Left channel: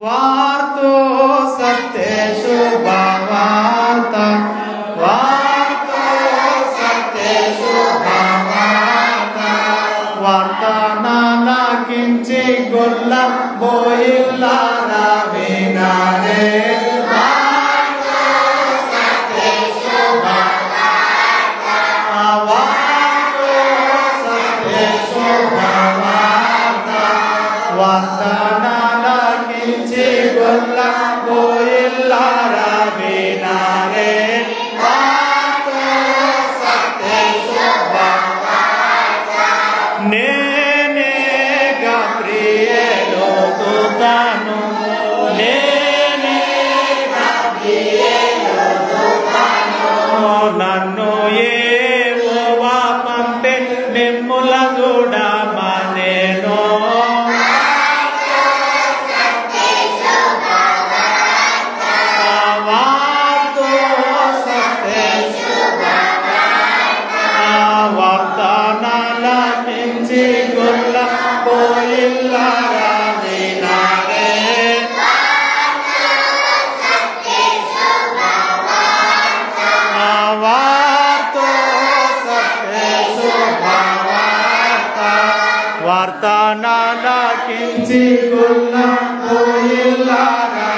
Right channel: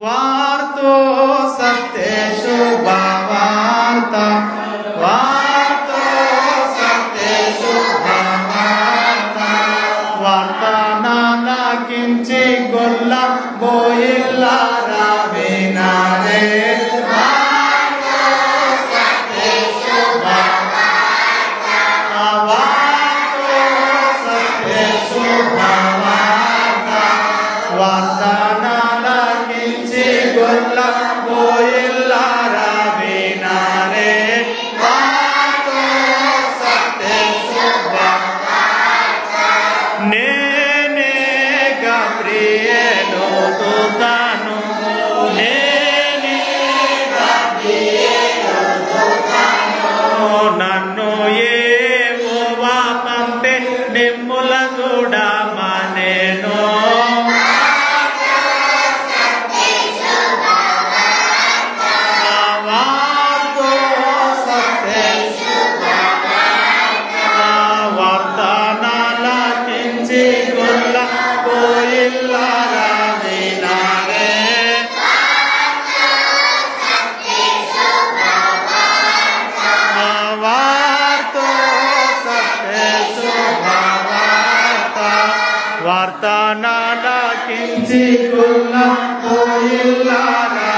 वार्तो सत्येषु भावार्ता वार्तो सत्येषु भावार्ता वार्तानालाकिंची गोल्ल बोयिल्लारा विनारे वार्तो सत्येषु भावार्ता वार्तो सत्येषु भावार्ता वार्तानालाकिंची गोल्ल बोयिल्लारा विनारे वार्तो सत्येषु भावार्ता नेने गब्रिएलो दूतानु नेने गब्रिएलो दूतानु नन्नु यెహోవా పంపే నిమ్ముల కూడా మానేను వార్తానాలాకించి గొల్ల పోయిల్లారా వినారే వార్తో సత్యేషు భావార్తా వార్తానాలాకించి గొల్ల పోయిల్లారా